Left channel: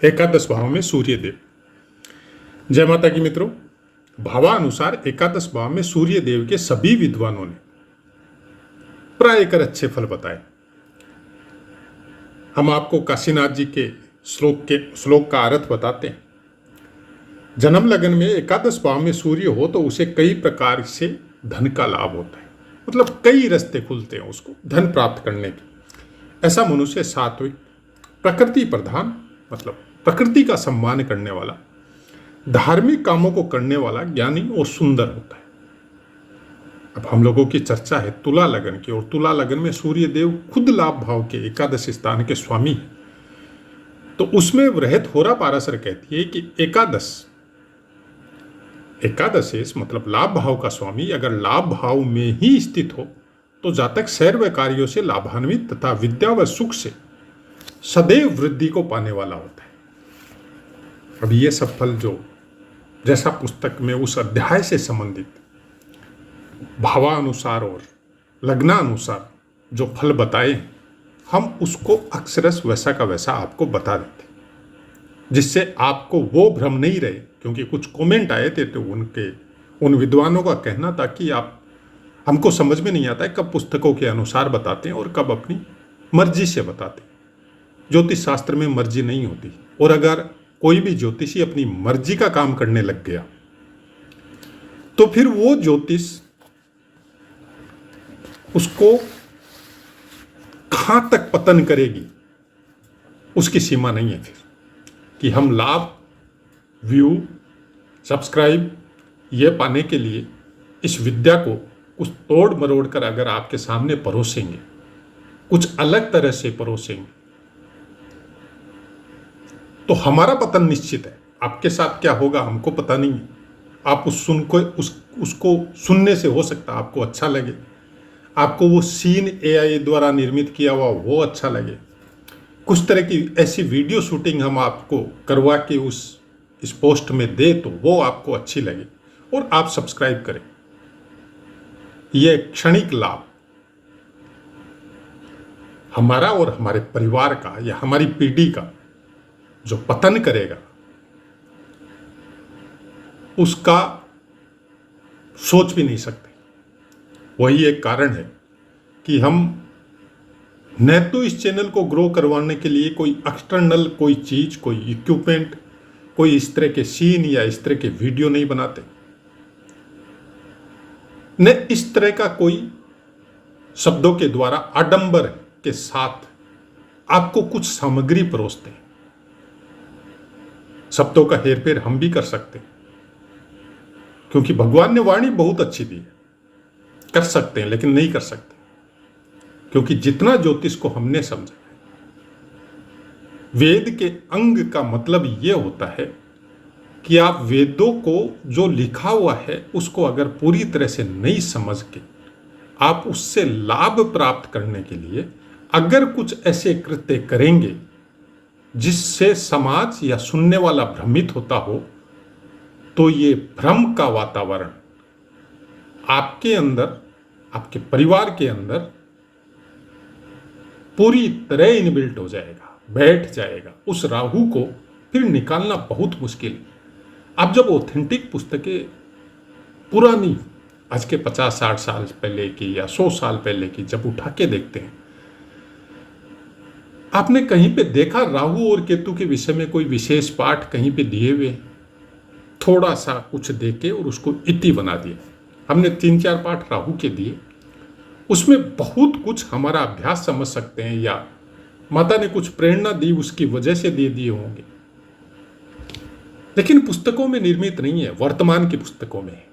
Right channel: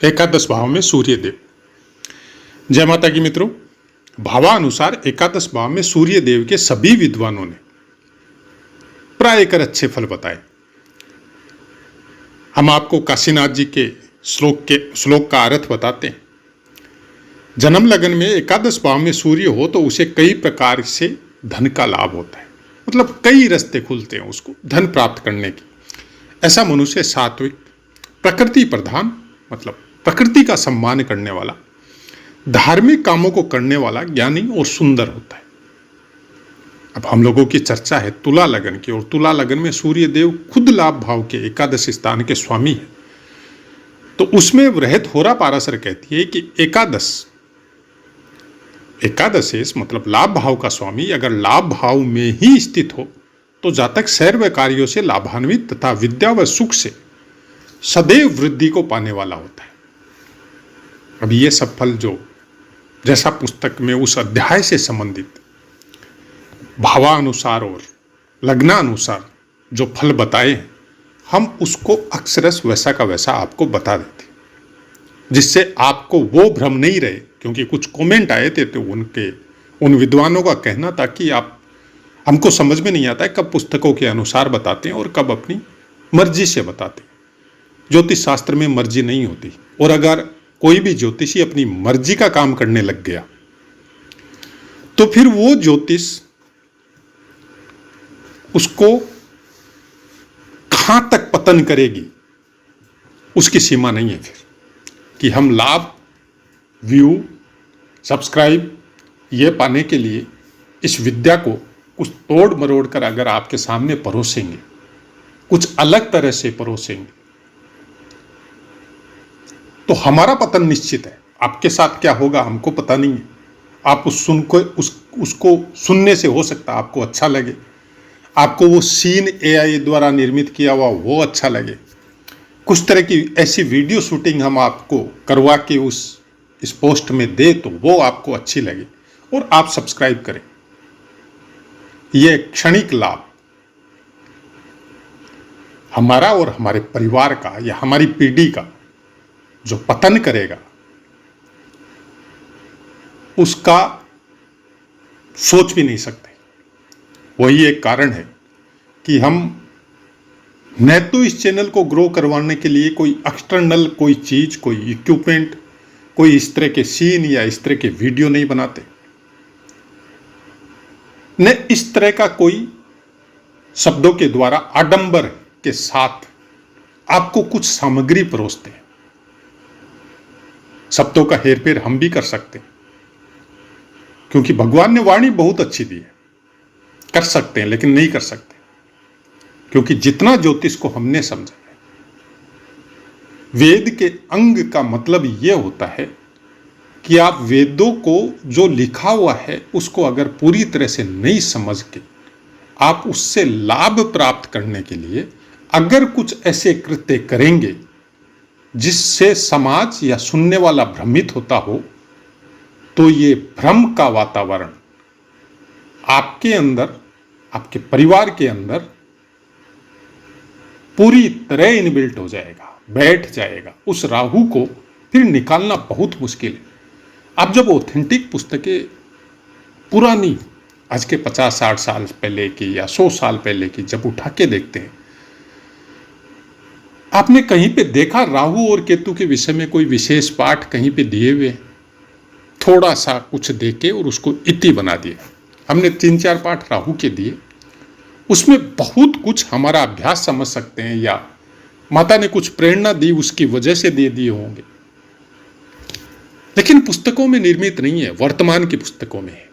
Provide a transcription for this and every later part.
एकादश भाव में सूर्य देव। जय माता की मित्रों, भावानुसार एकादश भाव में सूर्य देव के सभी विद्वानों ने प्राय कर अच्छे फल बताए। हम आपको काशीनाथ जी के श्लोक का अर्थ बताते हैं। जन्म लगन में एकादश भाव में सूर्य हो तो उसे कई प्रकार से धन का लाभ होता है, मतलब कई रास्ते खुलते हैं उसको धन प्राप्त करने की। ऐसा मनुष्य सात्विक, प्रकृति प्रधान, मतलब प्रकृति का सम्मान करने वाला, धार्मिक कामों को करने वाला, ज्ञानी और सुंदर होता है। अब हम लोगों की चर्चा है तुला लगन की, और तुला लगन में सूर्य देव खुद लाभ भाव के एकादश स्थान के स्वामी हैं। तो उसमें वृहत होरा पाराशर कहती है कि एकादशेश मतलब लाभ भाव का स्वामी अगर लाभ भाव में ही स्थित हो तो जातक सर्व कार्यों से लाभान्वित तथा विद्या व सुख से सदैव वृद्धि को पाने वाला होता है। अब ये सब फल जो जैसा पुस्तक में उस अध्याय से संबंधित भावानुसार और लग्नानुसार जो फल बताए हैं, हम उसको अक्षरश वैसा का वैसा आपको बता देते, जिससे आपको वो भ्रम नहीं रहे। क्योंकि कुछ कमेंट आए थे तो उन विद्वानों का कहना था कि हमको समझ में नहीं आता है कब पुस्तकों के अनुसार बताते हैं और कब अपनी मर्जी से बताते हैं। ज्योतिष शास्त्र में मर्जी नहीं होती, और अगर कोई भी ज्योतिषी अपनी मर्जी का काम करने लग गया तो फिर वो ज्योतिष उसको कहां तक पतन करेगी उसकी सीमा नहीं है। फिर कि हम लाभ, व्यू, सब्सक्राइब ये पाने के लिए इस विद्या को कुछ तोड़ मरोड़ कर अगर आपके सामने परोसेंगे, कुछ अलग तरह से परोसेंगे, तो हमारा पतन निश्चित है। आपके साथ क्या होगा हमको पता नहीं है। आप उसको सुनने से हो सकता है आपको अच्छा लगे, आपको वो सीन AI द्वारा निर्मित किया हुआ वो अच्छा लगे, कुछ तरह की ऐसी वीडियो शूटिंग हम आपको करवा के इस पोस्ट में दे तो वो आपको अच्छी लगे और आप सब्सक्राइब करें। ये क्षणिक लाभ हमारा और हमारे परिवार का या हमारी पीढ़ी का जो पतन करेगा उसका सोच भी नहीं सकते। वही एक कारण है कि हम न तो इस चैनल को ग्रो करवाने के लिए कोई एक्सटर्नल कोई चीज, कोई इक्विपमेंट, कोई इस तरह के सीन या इस तरह के वीडियो नहीं बनाते, न इस तरह का कोई शब्दों के द्वारा आडंबर के साथ आपको कुछ सामग्री परोसते हैं। शब्दों का हेरफेर हम भी कर सकते हैं, क्योंकि भगवान ने वाणी बहुत अच्छी दी है, कर सकते हैं, लेकिन नहीं कर सकते। क्योंकि जितना ज्योतिष को हमने समझा है, वेद के अंग का मतलब यह होता है कि आप वेदों को जो लिखा हुआ है उसको अगर पूरी तरह से नहीं समझ के आप उससे लाभ प्राप्त करने के लिए अगर कुछ ऐसे कृत्य करेंगे जिससे समाज या सुनने वाला भ्रमित होता हो, तो ये भ्रम का वातावरण आपके अंदर, आपके परिवार के अंदर पूरी तरह इनबिल्ट हो जाएगा, बैठ जाएगा। उस राहु को फिर निकालना बहुत मुश्किल है। आप जब ऑथेंटिक पुस्तकें पुरानी, आज के 50-60 साल पहले की या 100 साल पहले की जब उठा के देखते हैं, आपने कहीं पे देखा राहु और केतु के विषय में कोई विशेष पाठ कहीं पे दिए हुए? थोड़ा सा कुछ देके और उसको इति बना दिया। हमने 3-4 पाठ राहु के दिए, उसमें बहुत कुछ हमारा अभ्यास समझ सकते हैं या माता ने कुछ प्रेरणा दी उसकी वजह से दे दिए होंगे, लेकिन पुस्तकों में निर्मित नहीं है, वर्तमान की पुस्तकों में है।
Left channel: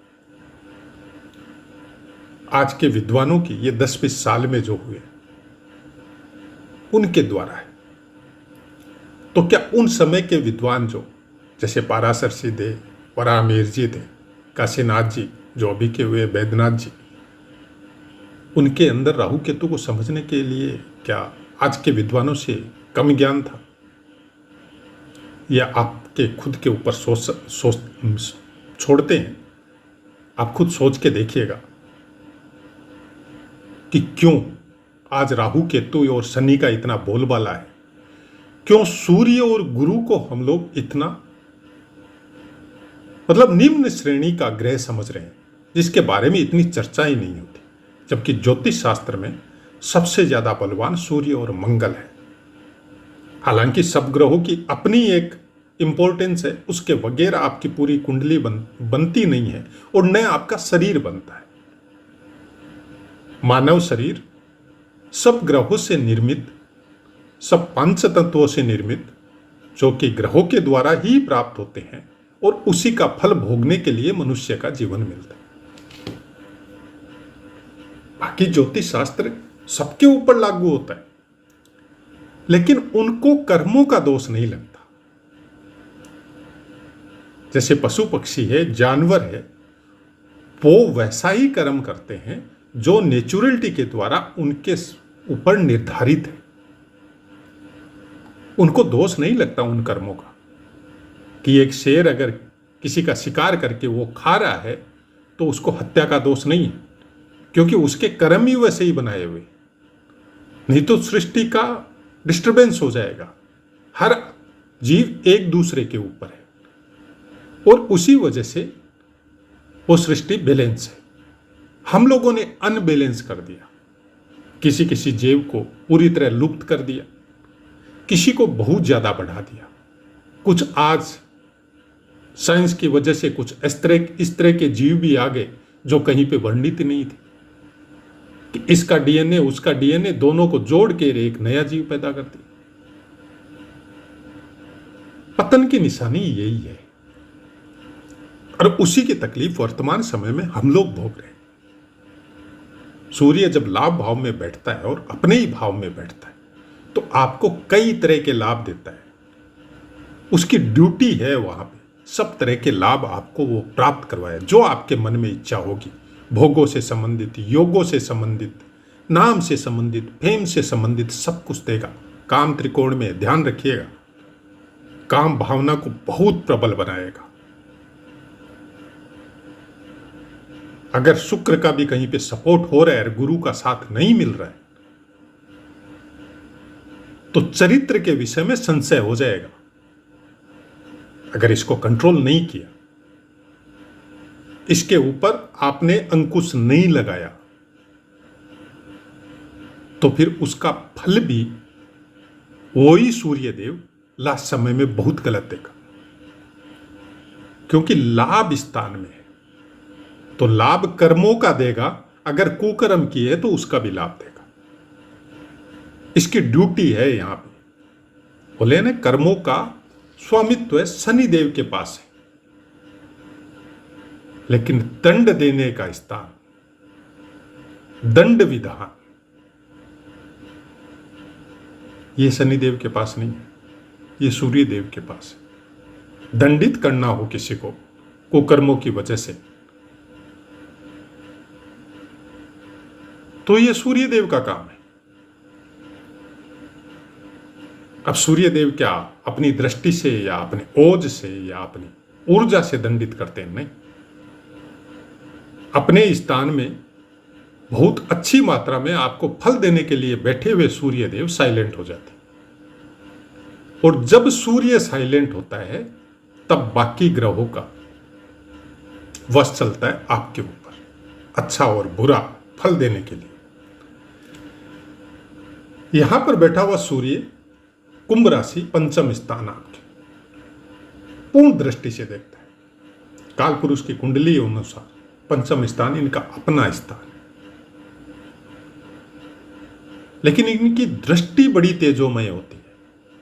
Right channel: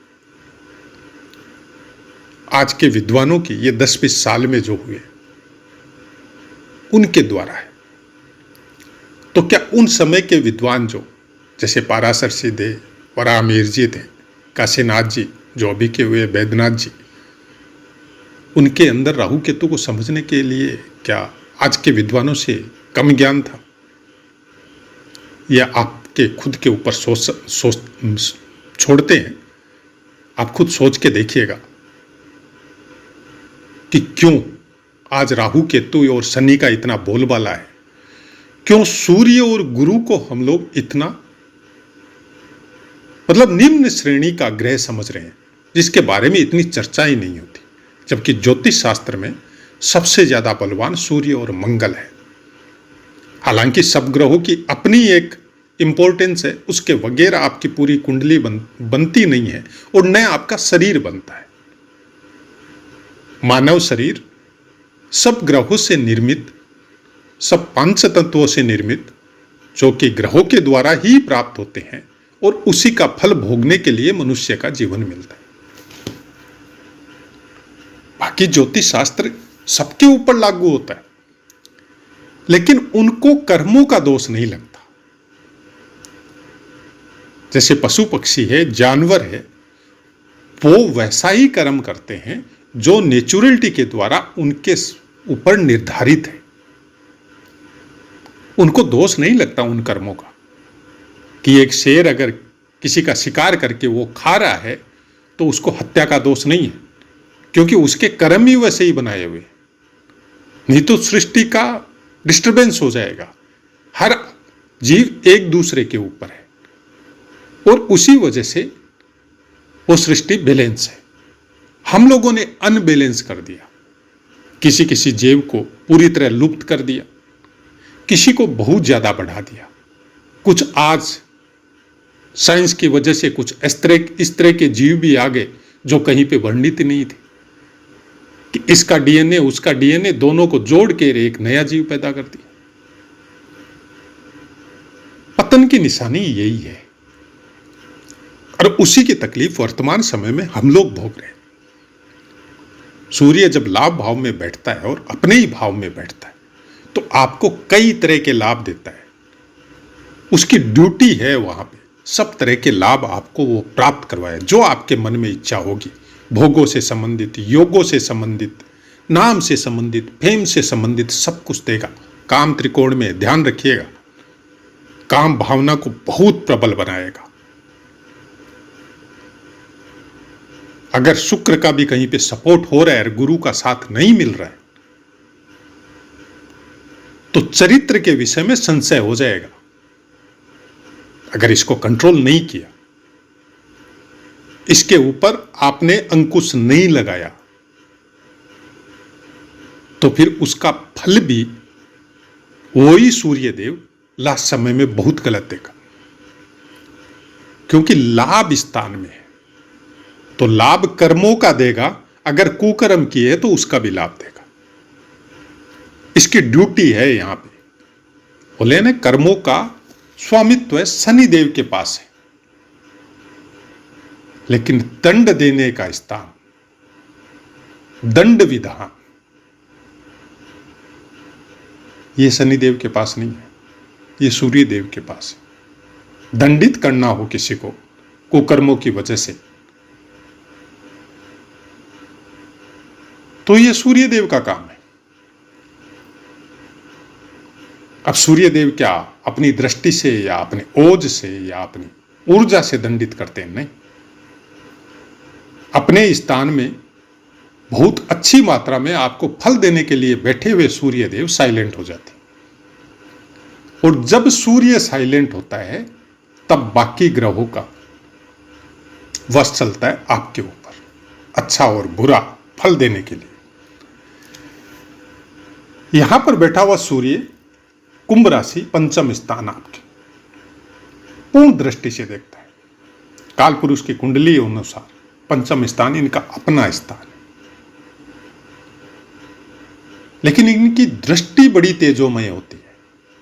आज के विद्वानों की ये 10-20 साल में जो हुए उनके द्वारा है। तो क्या उन समय के विद्वान जो जैसे पाराशर सिंह थे, वराहमिहिर जी थे, काशीनाथ जी जो अभी के हुए बैद्यनाथ जी, उनके अंदर राहु केतु को समझने के लिए क्या आज के विद्वानों से कम ज्ञान था? या आपके खुद के ऊपर सोच छोड़ते हैं? आप खुद सोच के देखिएगा कि क्यों आज राहु केतु और शनि का इतना बोलबाला है, क्यों सूर्य और गुरु को हम लोग इतना निम्न श्रेणी का ग्रह समझ रहे हैं, जिसके बारे में इतनी चर्चा ही नहीं होती, जबकि ज्योतिष शास्त्र में सबसे ज्यादा बलवान सूर्य और मंगल है। हालांकि सब ग्रहों की अपनी एक इंपॉर्टेंस है, उसके बगैर आपकी पूरी कुंडली बनती नहीं है और नया आपका शरीर बनता है। मानव शरीर सब ग्रहों से निर्मित, सब पंच तत्वों से निर्मित, जो कि ग्रहों के द्वारा ही प्राप्त होते हैं और उसी का फल भोगने के लिए मनुष्य का जीवन मिलता है। बाकी ज्योतिष शास्त्र सबके ऊपर लागू होता है, लेकिन उनको कर्मों का दोष नहीं लगता। जैसे पशु पक्षी है, जानवर है, वो वैसा ही कर्म करते हैं जो नेचुरलिटी के द्वारा उनके ऊपर निर्धारित है। उनको दोष नहीं लगता उन कर्मों का, कि एक शेर अगर किसी का शिकार करके वो खा रहा है तो उसको हत्या का दोष नहीं है, क्योंकि उसके कर्म ही वैसे ही बनाए हुए। नहीं तो सृष्टि का डिस्टरबेंस हो जाएगा। हर जीव एक दूसरे के ऊपर है और उसी वजह से वो सृष्टि बैलेंस है। हम लोगों ने अनबैलेंस कर दिया, किसी किसी जीव को पूरी तरह लुप्त कर दिया, किसी को बहुत ज्यादा बढ़ा दिया। कुछ आज साइंस की वजह से कुछ इस तरह के जीव भी आ गए जो कहीं पे वर्णित नहीं थे, कि इसका डीएनए उसका डीएनए दोनों को जोड़ के एक नया जीव पैदा कर दिया। पतन की निशानी यही है और उसी की तकलीफ वर्तमान समय में हम लोग भोग रहे हैं। सूर्य जब लाभ भाव में बैठता है और अपने ही भाव में बैठता है तो आपको कई तरह के लाभ देता है। उसकी ड्यूटी है वहां पे सब तरह के लाभ आपको वो प्राप्त करवाए, जो आपके मन में इच्छा होगी। भोगों से संबंधित, योगों से संबंधित, नाम से संबंधित, फेम से संबंधित सब कुछ देगा। काम त्रिकोण में ध्यान रखिएगा, काम भावना को बहुत प्रबल बनाएगा। अगर शुक्र का भी कहीं पे सपोर्ट हो रहा है और गुरु का साथ नहीं मिल रहा है तो चरित्र के विषय में संशय हो जाएगा। अगर इसको कंट्रोल नहीं किया, इसके ऊपर आपने अंकुश नहीं लगाया, तो फिर उसका फल भी वही सूर्यदेव लास्ट समय में बहुत गलत देगा। क्योंकि लाभ स्थान में है तो लाभ कर्मों का देगा, अगर कुकर्म किए तो उसका भी लाभ देगा। इसकी ड्यूटी है। यहां पे बोले ना, कर्मों का स्वामित्व है शनि देव के पास है, लेकिन दंड देने का स्थान, दंड विधान, ये शनि देव के पास नहीं है, ये सूर्य देव के पास है। दंडित करना हो किसी को कुकर्मों की वजह से तो ये सूर्य देव का काम है। अब सूर्य देव क्या अपनी दृष्टि से या अपनी ओज से या अपनी ऊर्जा से दंडित करते हैं? नहीं, अपने स्थान में बहुत अच्छी मात्रा में आपको फल देने के लिए बैठे हुए सूर्य देव साइलेंट हो जाते हैं। और जब सूर्य साइलेंट होता है तब बाकी ग्रहों का वश चलता है आपके ऊपर, अच्छा और बुरा फल देने के लिए। यहां पर बैठा हुआ सूर्य कुंभ राशि पंचम स्थान आपके पूर्ण दृष्टि से देखता है। काल पुरुष की कुंडली अनुसार पंचम स्थान इनका अपना स्थान, लेकिन इनकी दृष्टि बड़ी तेजोमय होती है।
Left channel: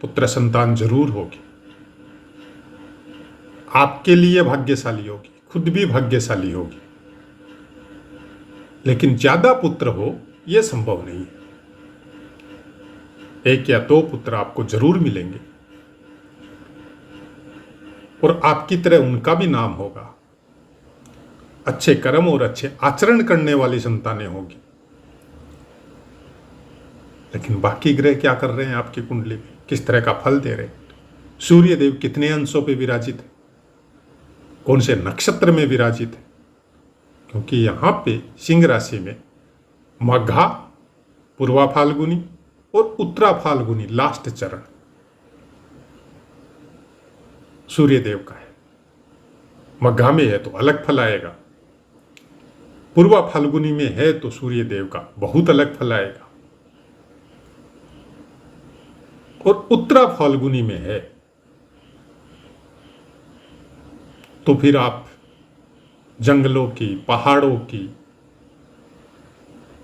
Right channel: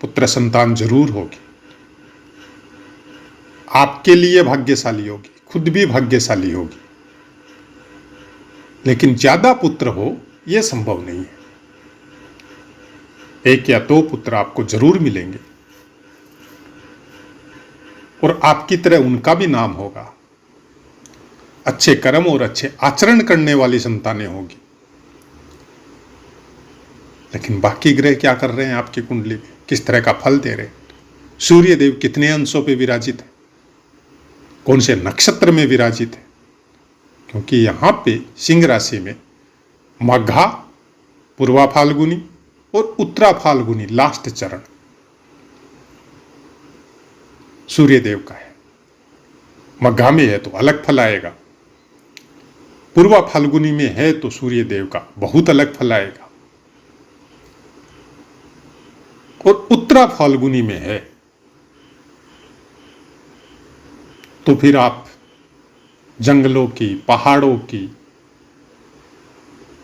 पुत्र संतान जरूर होगी, आपके लिए भाग्यशाली होगी, खुद भी भाग्यशाली होगी, लेकिन ज्यादा पुत्र हो यह संभव नहीं है। एक या दो पुत्र आपको जरूर मिलेंगे और आपकी तरह उनका भी नाम होगा। अच्छे कर्म और अच्छे आचरण करने वाली संतानें होगी। लेकिन बाकी ग्रह क्या कर रहे हैं आपकी कुंडली में, किस तरह का फल दे रहे हैं? सूर्य देव कितने अंशों पे विराजित है, कौन से नक्षत्र में विराजित है? क्योंकि यहां पे सिंह राशि में मघा, पूर्वा फाल्गुनी और उत्तरा फाल्गुनी लास्ट चरण, सूर्य देव का है। मघा में है तो अलग फल आएगा, पूर्वा फाल्गुनी में है तो सूर्य देव का बहुत अलग फल आएगा, और उत्तरा फाल्गुनी में है तो फिर आप जंगलों की, पहाड़ों की,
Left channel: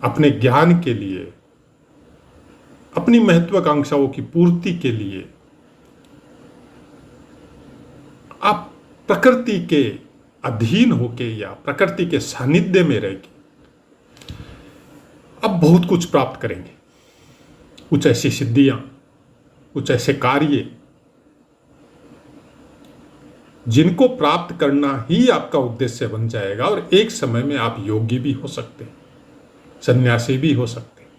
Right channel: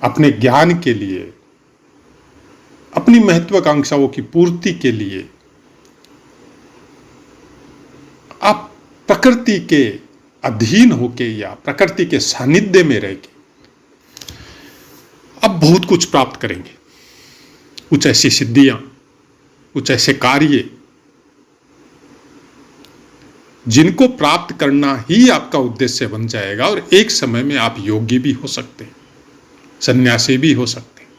अपने ज्ञान के लिए, अपनी महत्वाकांक्षाओं की पूर्ति के लिए आप प्रकृति के अधीन होके या प्रकृति के सानिध्य में रह के आप बहुत कुछ प्राप्त करेंगे। कुछ ऐसी सिद्धियां, कुछ ऐसे कार्य जिनको प्राप्त करना ही आपका उद्देश्य बन जाएगा, और एक समय में आप योगी भी हो सकते हैं, सन्यासी भी हो सकते हैं,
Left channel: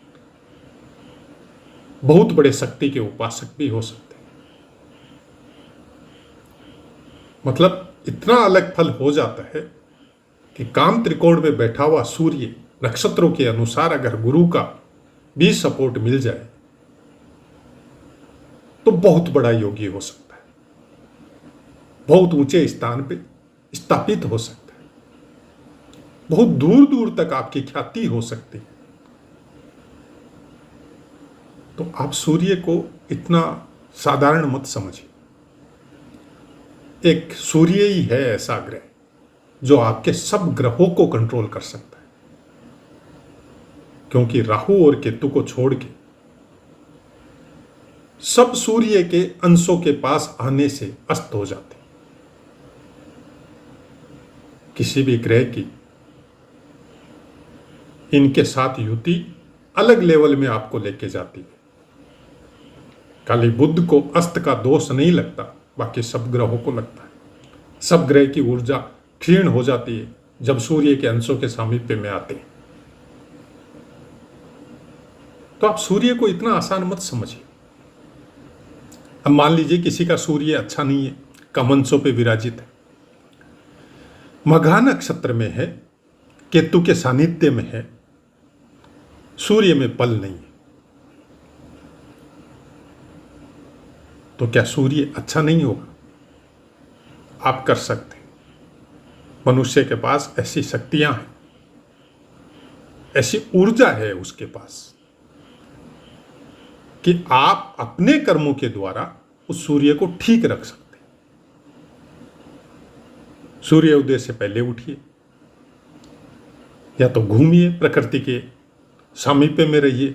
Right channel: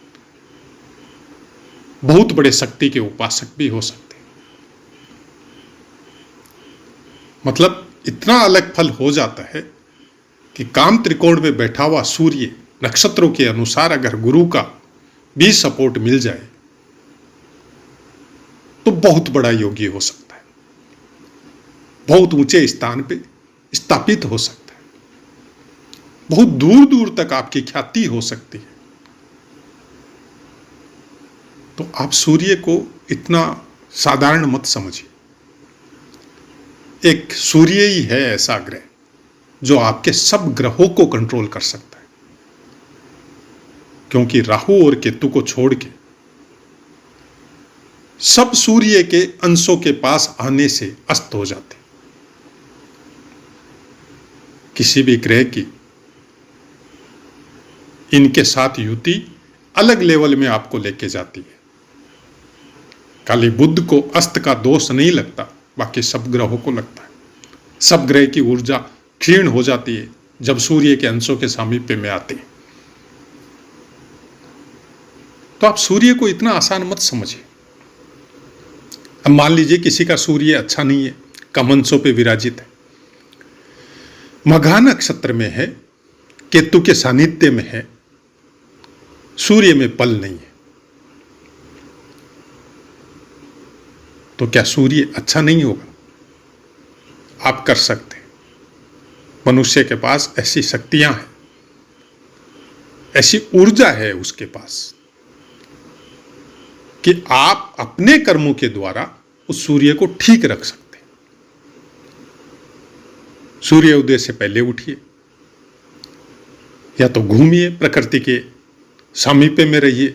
बहुत बड़े शक्ति के उपासक भी हो सकते हैं। मतलब इतना अलग फल हो जाता है कि काम त्रिकोण में बैठा हुआ सूर्य नक्षत्रों के अनुसार अगर गुरु का भी सपोर्ट मिल जाए तो बहुत बड़ा योगी हो सकता है, बहुत ऊंचे स्थान पे स्थापित हो सकता है, बहुत दूर दूर तक आपकी ख्याति हो सकती है। तो आप सूर्य को इतना साधारण मत समझिए। एक सूर्य ही है ऐसा ग्रह जो आपके सब ग्रहों को कंट्रोल कर सकता है, क्योंकि राहु और केतु को छोड़ के सब सूर्य के अंशों के पास आने से अस्त हो जाते। किसी भी ग्रह की इनके साथ युति अलग लेवल में आपको लेके जाती है। खाली बुध को अस्त का दोष नहीं लगता, बाकी सब ग्रहों को लगता है। सब ग्रह की ऊर्जा क्षीण हो जाती है जब सूर्य के अंशों के सामीप्य में आते हैं। तो आप सूर्य को इतना आसान मत समझिए। अब मान लीजिए किसी का सूर्य अच्छा नहीं है, कम अंशों पे विराजित है, मघा नक्षत्र में है, केतु के सानिध्य में है, सूर्य में पल नहीं है, तो क्या सूर्य अच्छा नहीं होगा? आप कर सकते हैं। मनुष्य के पास ऐसी शक्तियां हैं, ऐसी ऊर्जा है उसके पास कि आप अपने कर्मों के द्वारा उस सूर्य को ठीक रख सकते हैं। सूर्य उदय से पहले उठिए, या तो घूमिए, प्रकृति के सामीप्य में रहिए,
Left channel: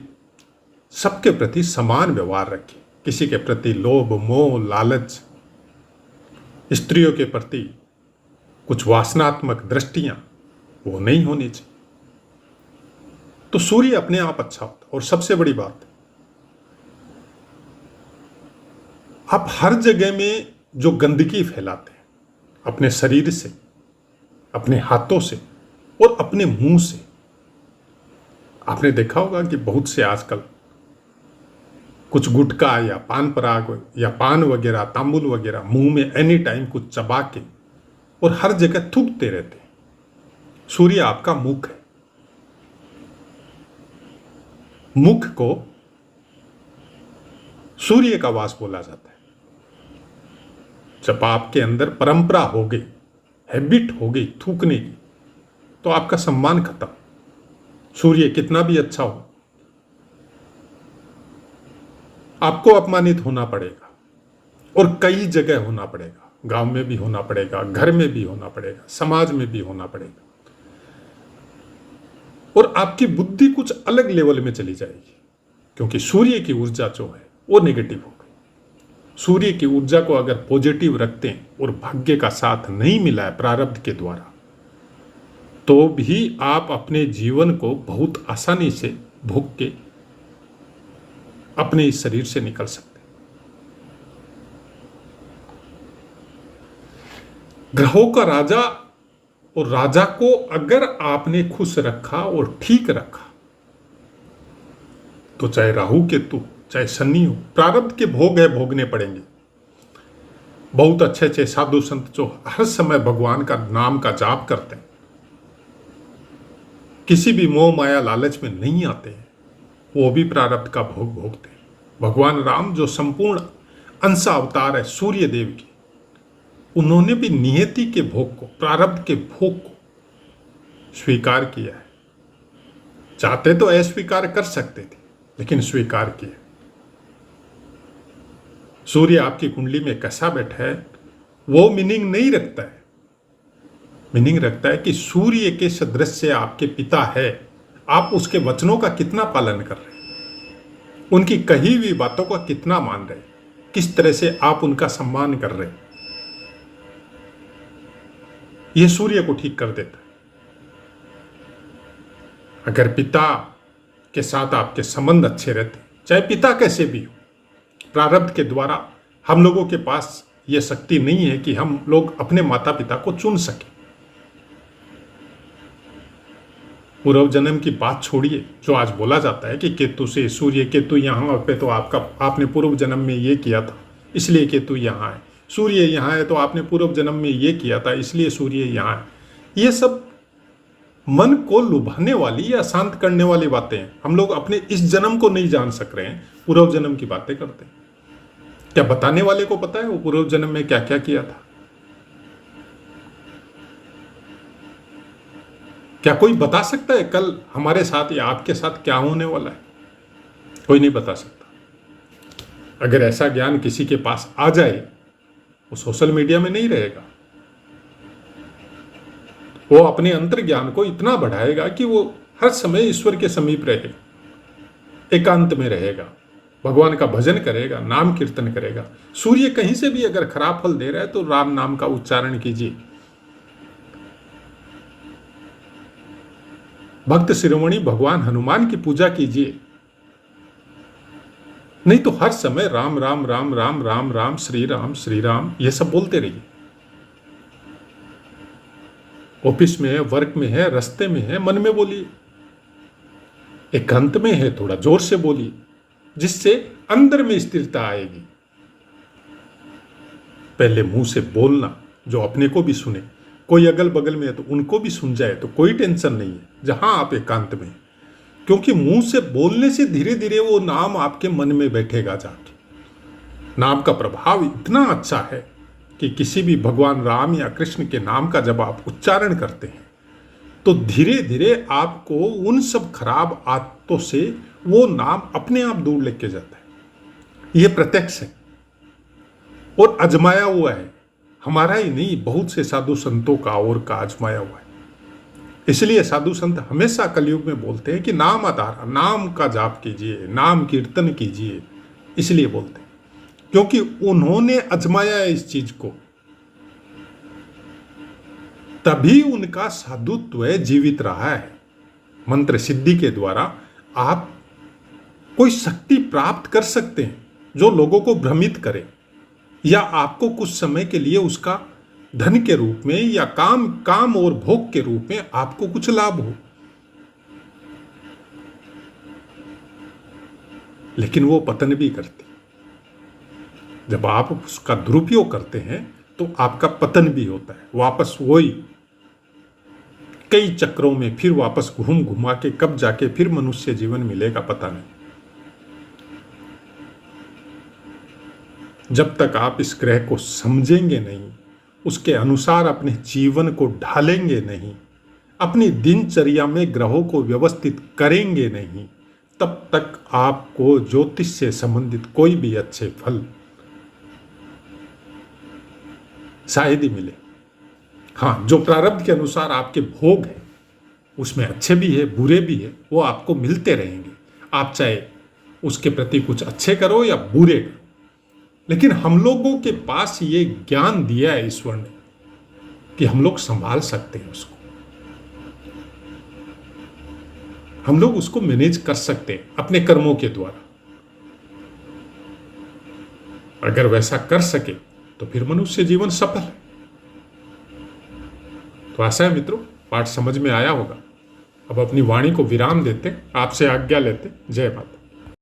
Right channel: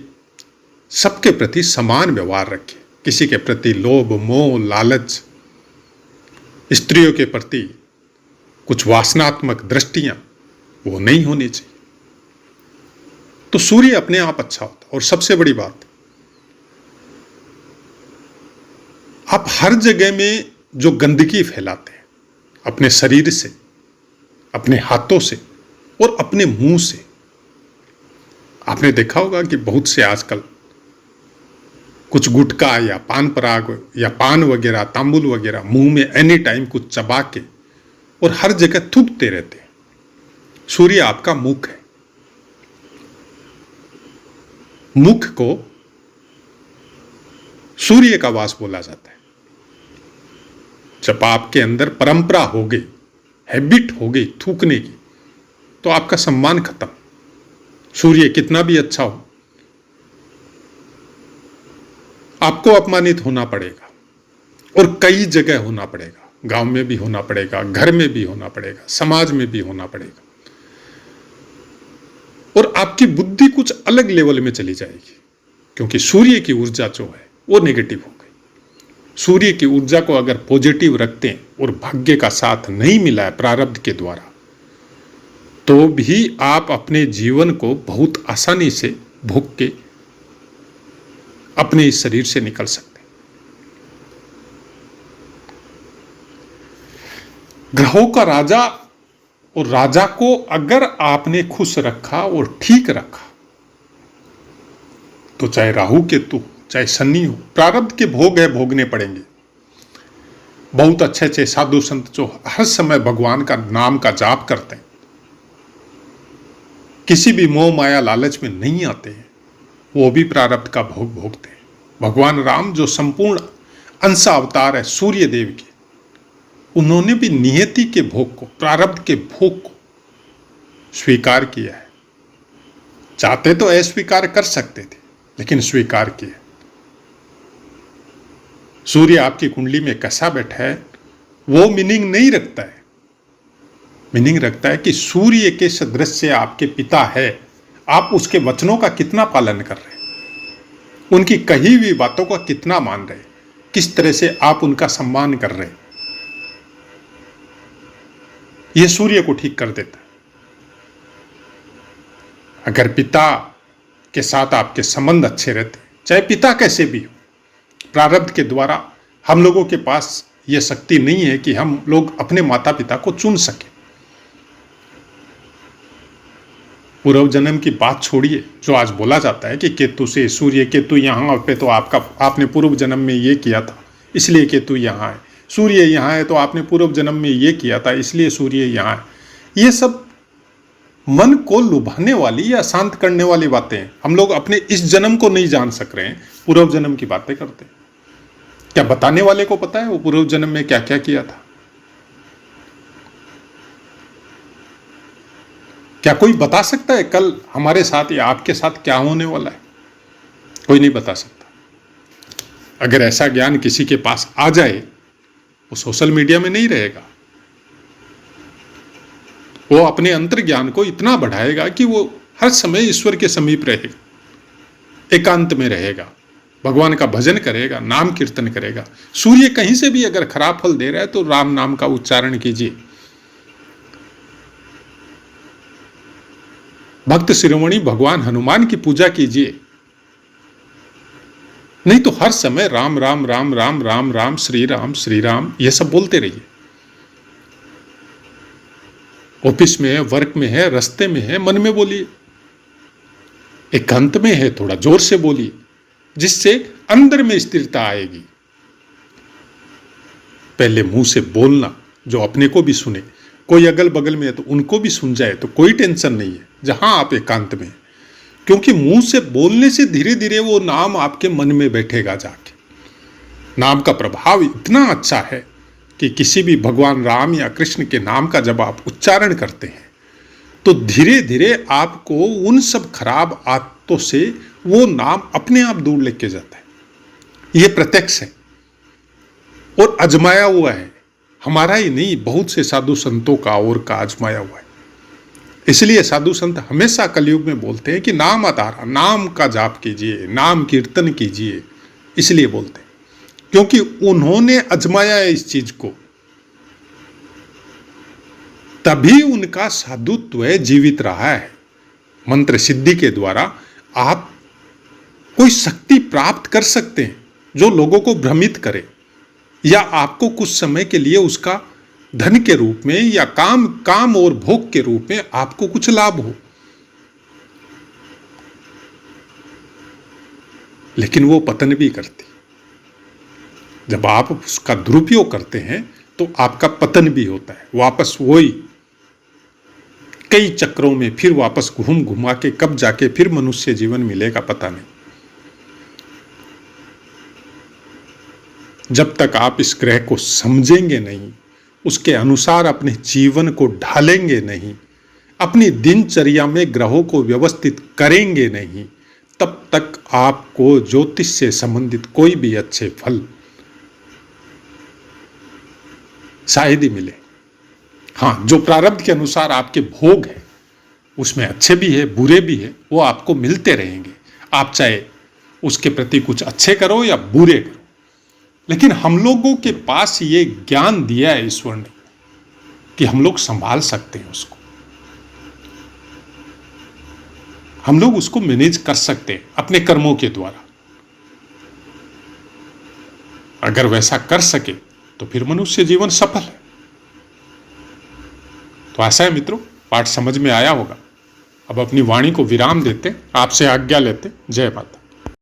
सबके प्रति समान व्यवहार रखिए। किसी के प्रति लोभ, मोह, लालच, स्त्रियों के प्रति कुछ वासनात्मक दृष्टियां वो नहीं होनी चाहिए। तो सूर्य अपने आप अच्छा होता। और सबसे बड़ी बात, आप हर जगह में जो गंदगी फैलाते हैं अपने शरीर से, अपने हाथों से और अपने मुंह से, आपने देखा होगा कि बहुत से आजकल कुछ गुटखा या पान पराग या पान वगैरह, तांबुल वगैरह मुंह में एनी टाइम कुछ चबा के और हर जगह थूकते रहते हैं। सूर्य आपका मुख है। मुख को सूर्य का वास बोला जाता है। जब आपके अंदर परंपरा हो गई, हैबिट हो गई थूकने की, तो आपका सम्मान खत्म। सूर्य कितना भी अच्छा हो, आपको अपमानित होना पड़ेगा, और कई जगह होना पड़ेगा। गांव में भी होना पड़ेगा, घर में भी होना पड़ेगा, समाज में भी होना पड़ेगा, और आपकी बुद्धि कुछ अलग लेवल में चली जाएगी, क्योंकि सूर्य की ऊर्जा जो है वो नेगेटिव हो गई। सूर्य की ऊर्जा को अगर पॉजिटिव रखते हैं और भाग्य का साथ नहीं मिला है प्रारब्ध के द्वारा, तो भी आप अपने जीवन को बहुत आसानी से भोग के अपने इस शरीर से निकल सकते हैं। ग्रहों का राजा, और राजा को अगर आपने खुश रखा और ठीक रखा, तो चाहे राहु केतु, चाहे शनि हो, प्रारब्ध के भोग है, भोगने पड़ेंगे। बहुत अच्छे अच्छे साधु संत जो हर समय भगवान का नाम का जाप करते हैं, किसी भी मोह माया लालच में नहीं आते हैं, वो भी प्रारब्ध का भोग भोगते हैं। भगवान राम जो संपूर्ण अंश अवतार है सूर्य देव के, उन्होंने भी नियति के भोग को, प्रारब्ध के भोग को स्वीकार किया है। चाहते तो अस्वीकार कर सकते थे, लेकिन स्वीकार किया। सूर्य आपकी कुंडली में कैसा बैठा है वो मीनिंग नहीं रखता है। मीनिंग रखता है कि सूर्य के सदृश से आपके पिता है, आप उसके वचनों का कितना पालन कर रहे हैं, उनकी कही हुई बातों को कितना मान रहे हैं, किस तरह से आप उनका सम्मान कर रहे हैं। यह सूर्य को ठीक कर देता है। अगर पिता के साथ आपके संबंध अच्छे रहते, चाहे पिता कैसे भी हो, प्रारब्ध के द्वारा हम लोगों के पास यह शक्ति नहीं है कि हम लोग अपने माता पिता को चुन सकें। पूर्व जन्म की बात छोड़िए, जो आज बोला जाता है कि केतु से सूर्य, केतु यहाँ पे तो आपने पूर्व जन्म में ये किया था इसलिए केतु यहाँ है, सूर्य यहाँ है तो आपने पूर्व जन्म में ये किया था इसलिए सूर्य यहाँ है। ये सब मन को लुभाने वाली या शांत करने वाली बातें हैं। हम लोग अपने इस जन्म को नहीं जान सक रहे हैं, पूर्व जन्म की बातें करते हैं। क्या बताने वाले को पता है वो पूर्व जन्म में क्या क्या किया था? क्या कोई बता सकता है कल हमारे साथ या आपके साथ क्या होने वाला है? कोई नहीं बता सकता। अगर ऐसा ज्ञान किसी के पास आ जाए, वो सोशल मीडिया में नहीं रहेगा, वो अपने अंतर ज्ञान को इतना बढ़ाएगा कि वो हर समय ईश्वर के समीप रहेगा, एकांत में रहेगा, भगवान का भजन करेगा, नाम कीर्तन करेगा। सूर्य कहीं से भी अगर खराब फल दे रहा है तो राम नाम का उच्चारण कीजिए। भक्त शिरोमणि भगवान हनुमान की पूजा कीजिए। नहीं तो हर समय राम राम राम राम राम राम श्री राम ये सब बोलते रहिए। ऑफिस में है, वर्क में है, रास्ते में है, मन में बोलिए। एकांत में है, थोड़ा जोर से बोलिए, जिससे अंदर में स्थिरता आएगी। पहले मुंह से बोलना, जो अपने को भी सुने, कोई अगल बगल में है तो उनको भी सुन जाए तो कोई टेंशन नहीं है, जहां आप एकांत में। क्योंकि मुंह से बोलने से धीरे धीरे वो नाम आपके मन में बैठेगा जाके। नाम का प्रभाव इतना अच्छा है कि किसी भी भगवान राम या कृष्ण के नाम का जब आप उच्चारण करते हैं तो धीरे धीरे आपको उन सब खराब आदतों से वो नाम अपने आप दूर लेके जाता है। ये प्रत्यक्ष है और आजमाया हुआ है, हमारा ही नहीं, बहुत से साधु संतों का और का आजमाया हुआ है। इसलिए साधु संत हमेशा कलयुग में बोलते हैं कि नाम आधारा, नाम का जाप कीजिए, नाम कीर्तन कीजिए। इसलिए बोलते हैं क्योंकि उन्होंने आजमाया है इस चीज को, तभी उनका साधुत्व जीवित रहा है। मंत्र सिद्धि के द्वारा आप कोई शक्ति प्राप्त कर सकते हैं जो लोगों को भ्रमित करे, या आपको कुछ समय के लिए उसका धन के रूप में या काम और भोग के रूप में आपको कुछ लाभ हो, लेकिन वो पतन भी करती। जब आप उसका दुरुपयोग करते हैं तो आपका पतन भी होता है। वापस वही कई चक्रों में फिर वापस घूम घुमा के कब जाके फिर मनुष्य जीवन मिलेगा पता नहीं। जब तक आप इस ग्रह को समझेंगे नहीं, उसके अनुसार अपने जीवन को ढालेंगे नहीं, अपनी दिनचर्या में ग्रहों को व्यवस्थित करेंगे नहीं, तब तक आपको ज्योतिष से संबंधित कोई भी अच्छे फल शायद ही मिले। हाँ, जो प्रारब्ध के अनुसार आपके भोग हैं उसमें अच्छे भी है, बुरे भी है, वो आपको मिलते रहेंगे। आप चाहे उसके प्रति कुछ अच्छे करो या बुरे करो, लेकिन हम लोगों के पास ये ज्ञान दिया है ईश्वर ने कि हम लोग संभाल सकते हैं उसको, हम लोग उसको मैनेज कर सकते हैं अपने कर्मों के द्वारा। अगर वैसा कर सके तो फिर मनुष्य जीवन सफल है। तो आशा है मित्रों पाठ समझ में आया होगा। अब अपनी वाणी को विराम देते, आपसे आज्ञा लेते। जय माता।